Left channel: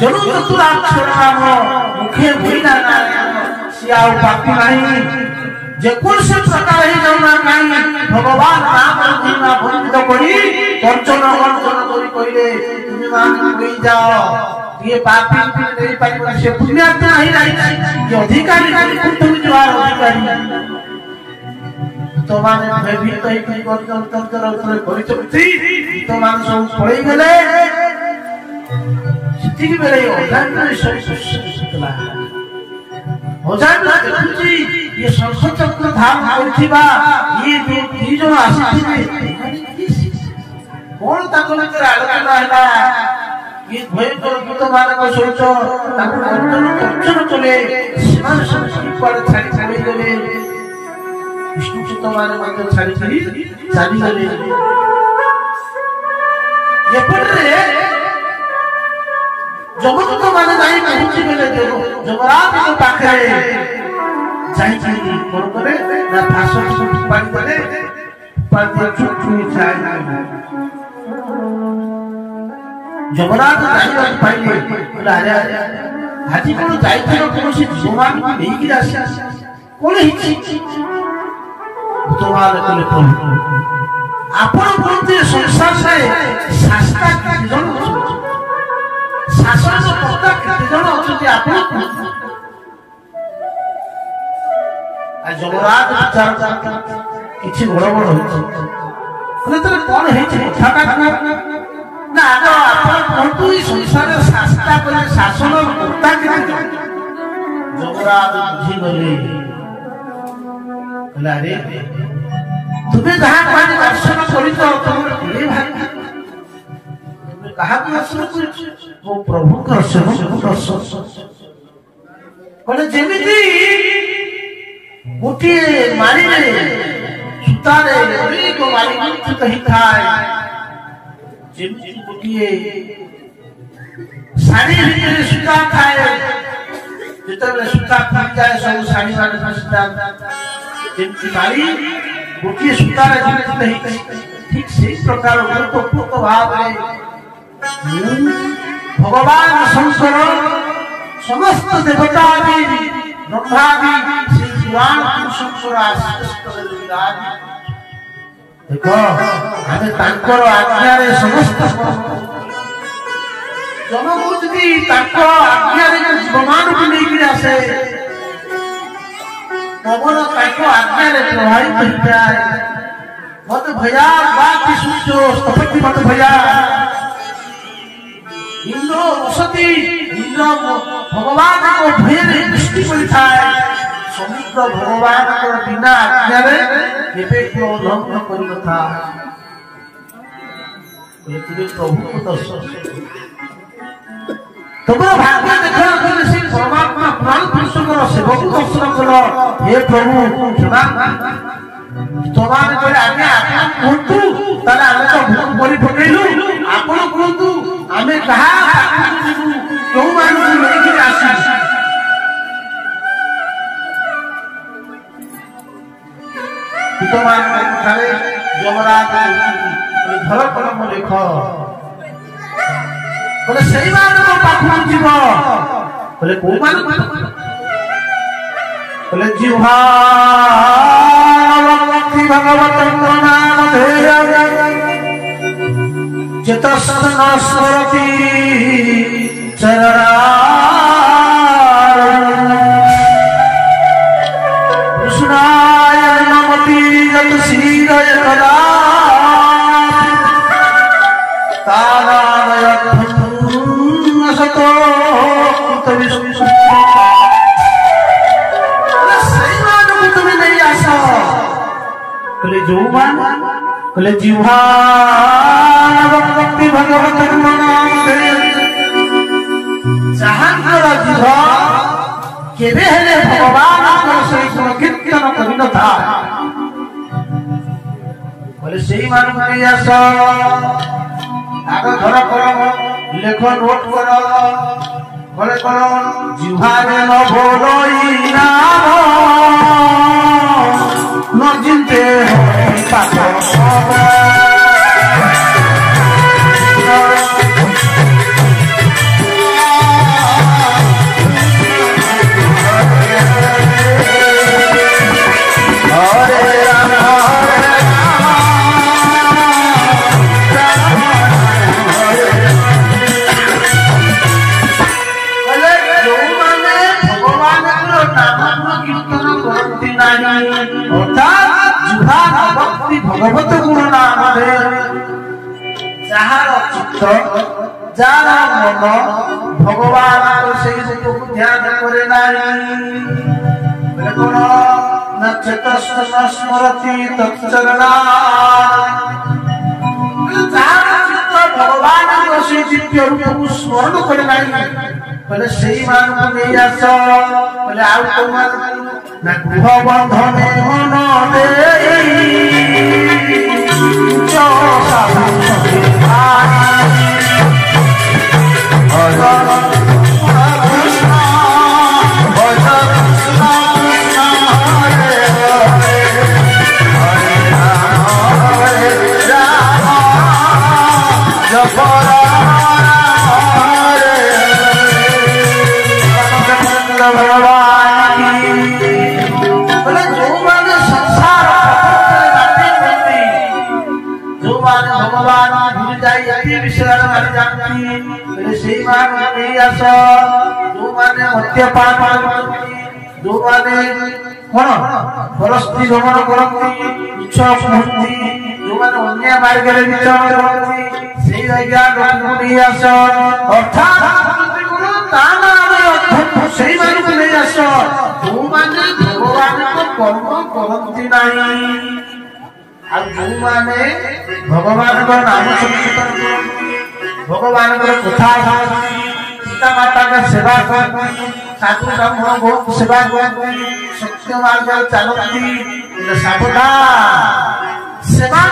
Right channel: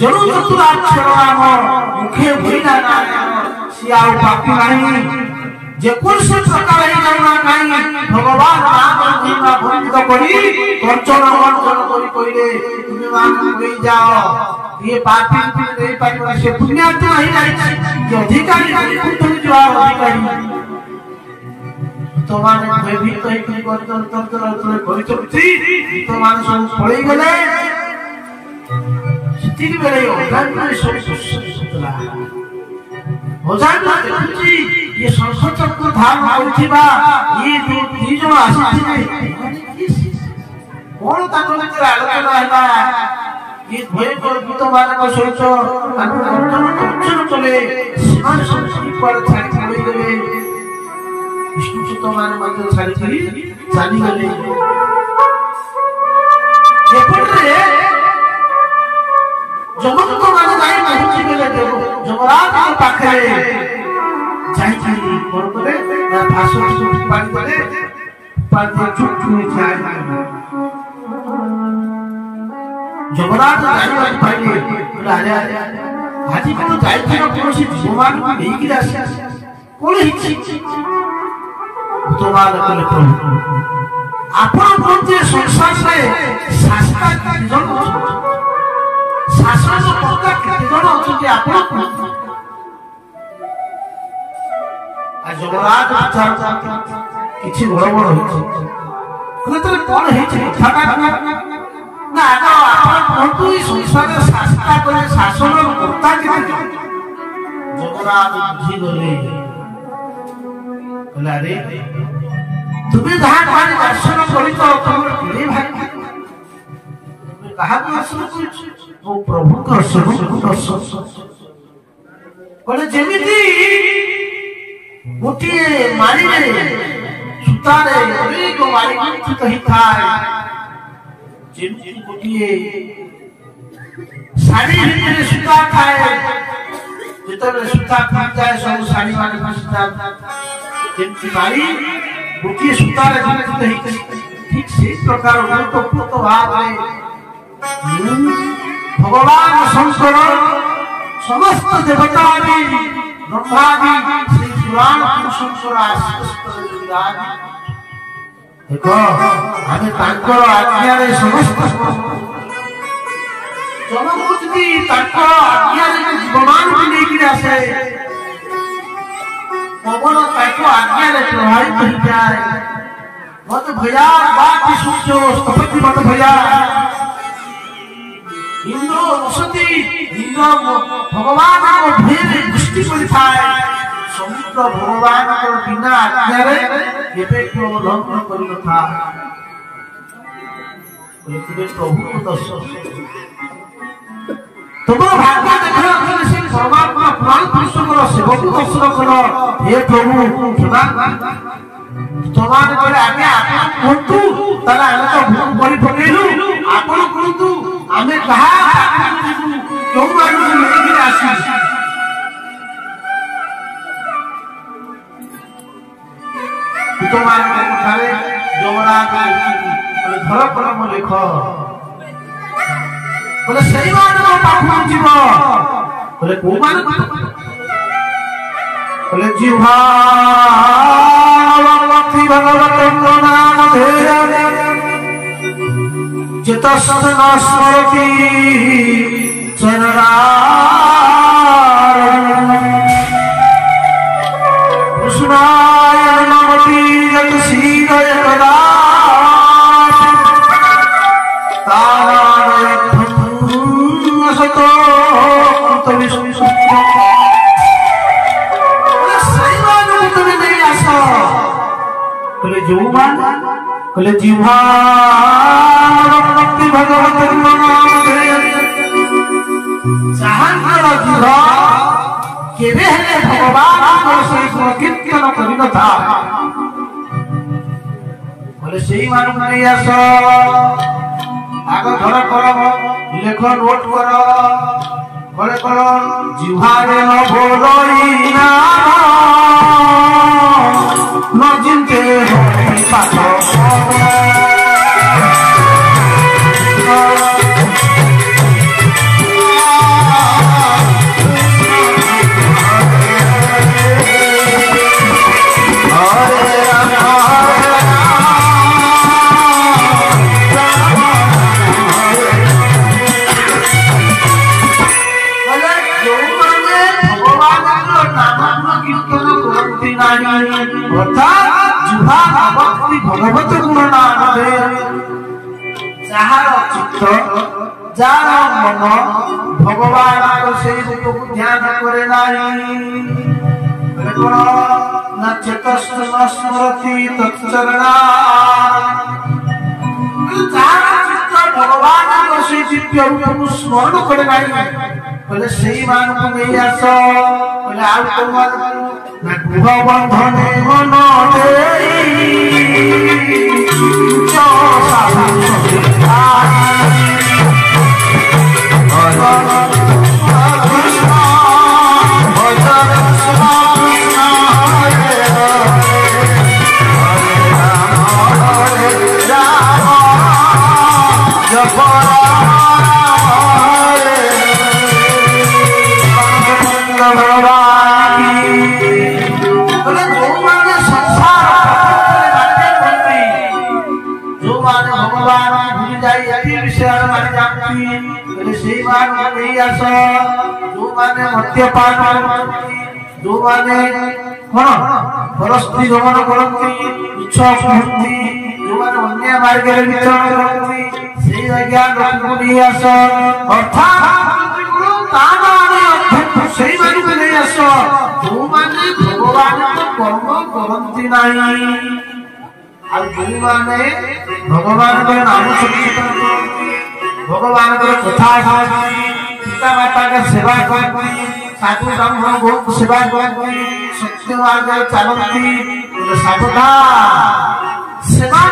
जरूर चतुराक्षर नाम मुखे भूला नारायण सियाओ बाकी नहीं जे कोन से प्रकार ही करना नहीं भगवान नाम महिमा वंदित करी कंचन वर्णन करी कहले तुम मान गई जाओ ये पापी नहीं पापी से पुण्यात्मा ही नहीं ये अधिकारी तुम जवार अधिकारी तो माने भयभीत होई अंतर कोई तो माने सब पळई गेले सिटी बेले अजान सब सुतला अजान देखुची ये संसचक्र धाम होथिबा ये दी जण आसीथिले कोन ताको भितर आलोचना हैला ये भयंकर भूत मानक सोच ताको कंचन चले सीमान संस्कृत पर छाड़ी छाड़ी गले विष्णु सुत माने मध्य छाड़ी छाड़ी चाली गले ये पड़े जमक माने नहीं पहुंची गले जमराज के पाखे जाई जाई कोन करे ना फासो पानी करे पानी चुप चुप जाई जमराज जाई पाइले अरे हाथी को जाई थे कोन से भगवान को नहीं गिरा कोन हिची भूतवान कले कोन आपण प्रति संसार से शास्त्र जन शासन से पक्का कितने जन होते आपण आ जमराज विचार किछि बड़ बड़ होछि माने तले कोन हेछि ठाटा ना आगो आपण कोंतु ई संसार शास्त्र करे शासन कर्ता के जमराज बुझी गले कला रे तुम्हें जहां माने दर्शन करी तो तुम रे भाई कहा दर्शन वो प्रभु का दर्शन बोले जेमिति गोटे मारी सुतारे गली को मारी कुछ ही थाए जेमिति गोटे साड़ी भीतर सुता खाए जेतबे सुता फट जाए सब साड़ी वाले सुता जेमिति मारी गोटे सुतारे जेमिति ही ठीक से प्रकार पूत भाव है भगवान शंकर समस्त देवता भी ब्रह्मा भी श्री शिवान शंकर आशीष देखो हमें तांकर आज्ञा रे समस्त जनमूत भी तांकर आज्ञा रे जीवमान भी नहीं गिरा से पवन तांकर आज्ञा रे प्रभावित हो जाए मत भया बात सुनो स्तपति मत भया इंद्र वसती इंद्र भगवान को भेद दृष्टि पड़ता समुद्र भगवान को बिना आज्ञा रे एबे को लंघन करि नथा एतिरे प्रभु को दर्शन तोमर भाग्य देखो से परमात्मा प्राण पुरुषकर सेवक दर्शन करो हे प्रभु क्षमा तोमान करे आज्ञा आपण कोंतु ताला हम तो भूल परि पकेलु आपण कोंतु आमे कहा क्यों मानू नहीं कि आसी तो मान में खाले जमराज बोले घर पर म लिख बोले सही बात को पाखु जीव बोले को मान बोले जीवा भक्ति भगवत नाम धेय चितस्न स्मरति चरणारविंद कृष्णाय नमति यत सीरय कदा तारायत्थं असतो कृतविष्णु सैमान तुम नहीं आसो कले जीवा कले जीवा भक्ति भगवत नाम धेय जहांकर जीव केबे हेले भगवान को सही कीर्तन करि न था बोले सही मान नहीं आस आग धर करो लेख नोट करो बोले करो जीवारे न भोलई नाम न जिनते पाप मन भगवान से ध्यान करे न चतस्थ न स्मरति तत्चरणा भगवान को से दिव्य रूप को स्मरण करे बोले सही मान को नहीं आस बोले आउ को ना गृह बंधने मन मद्यपान जो माने परस्त्री भ्रमण करती इच्छा स्मृति जो माने अन्य मार्ग विचरण करती से अर्थात से जो माने भगवान कर्म करती नहीं जो माने भगवान नाम संकीर्तन करती भगवान कथा पिता माता का सेवा करती साधु ब्राह्मण गो सेवा करती सत्य मार्ग चलती साधुता सेवा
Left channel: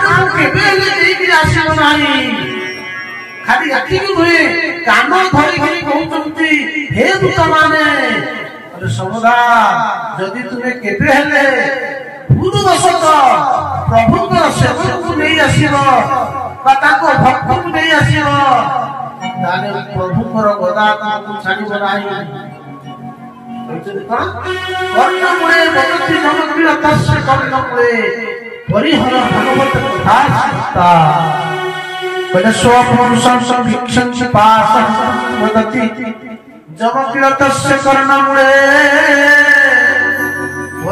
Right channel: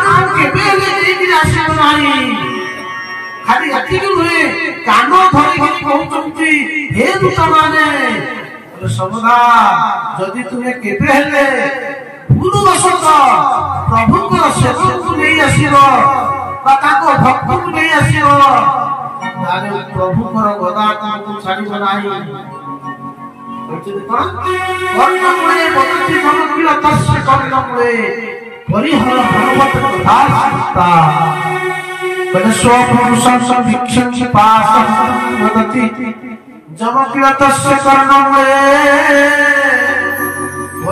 खाली अति हुए कान धरिक कहते हे दूत माने समुदा जदि तुम्हें केबे हेले भूलवशत प्रभु सेवक को नहीं आसब भक्त को नहीं आसब प्रभु गदा छाड़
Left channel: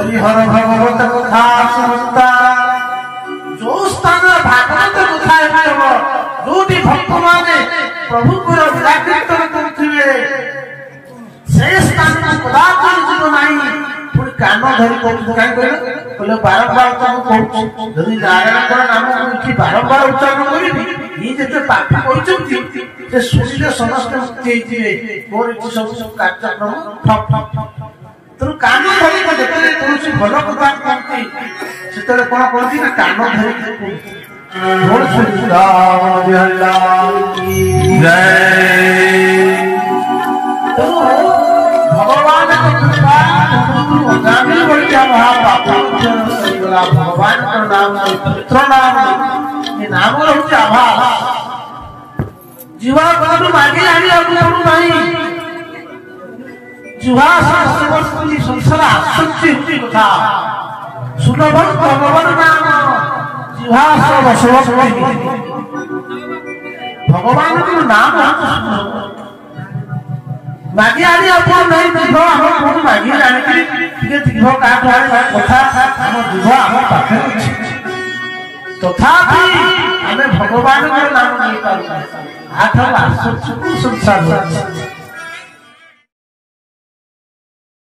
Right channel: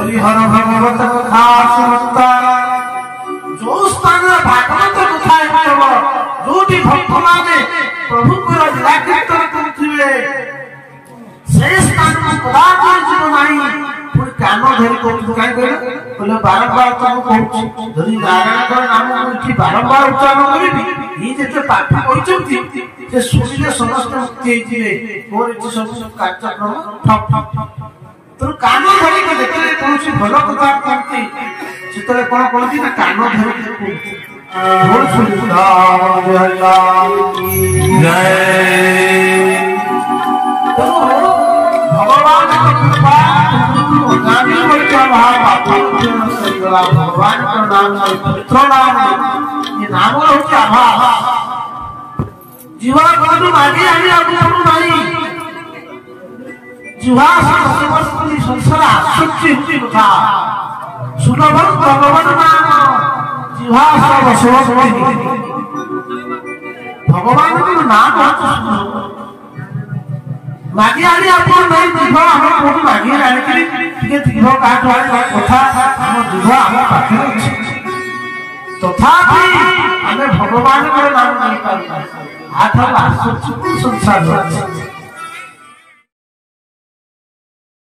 हरिहर भगवत कथा समस्ता जो स्थान भागवत कथा जो भक्त माने प्रभु को निराकृत करथिले से स्थान कदापि जीव नाही पुरी कान धरि बोले बारंबार कहूँ यदि नारायण नाम उठी बारंबार उच्चारण करी ये जो पाठ कहते से शुणिले समस्त मुक्ति होइथिले मोर इति सब कार्यक्रम ठप ठप तो कान धरि देखले कोनसी भल कथा करती सेतरे कोन कहती ना कान धरि बोल सुधार जय तो भगवान की कृपा गामी बोल क्या भगवान का नाम पवित्र नाम ये नाम होते आभा जीवा भी मागे आगे अपने भाई जीवा समस्ती संसार आसक्ति होती कथा सुलभन भगवान नाम जीवा भगवान का नाम मागे आगे अपन नहीं जीव हम कोन मागे आगे टिके जीव का कथा हम जीव हम पाखे तथापि हमें भगवान का नाम नहीं पाता आठ लाख संसार